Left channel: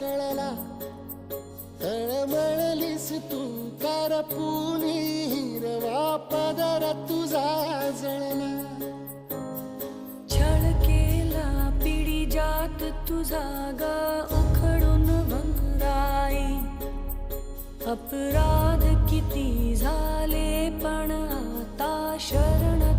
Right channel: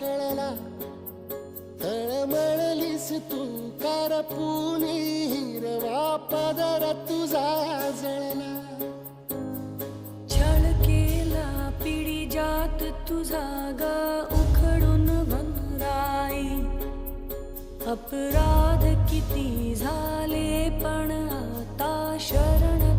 कळला, तळमळलीस तू करपुनी, हिरवा पदर तुझा जळला. छळ केला पिढी जात तुझा ग उखडून वनराई. अपराध किती झाले पण आता शरण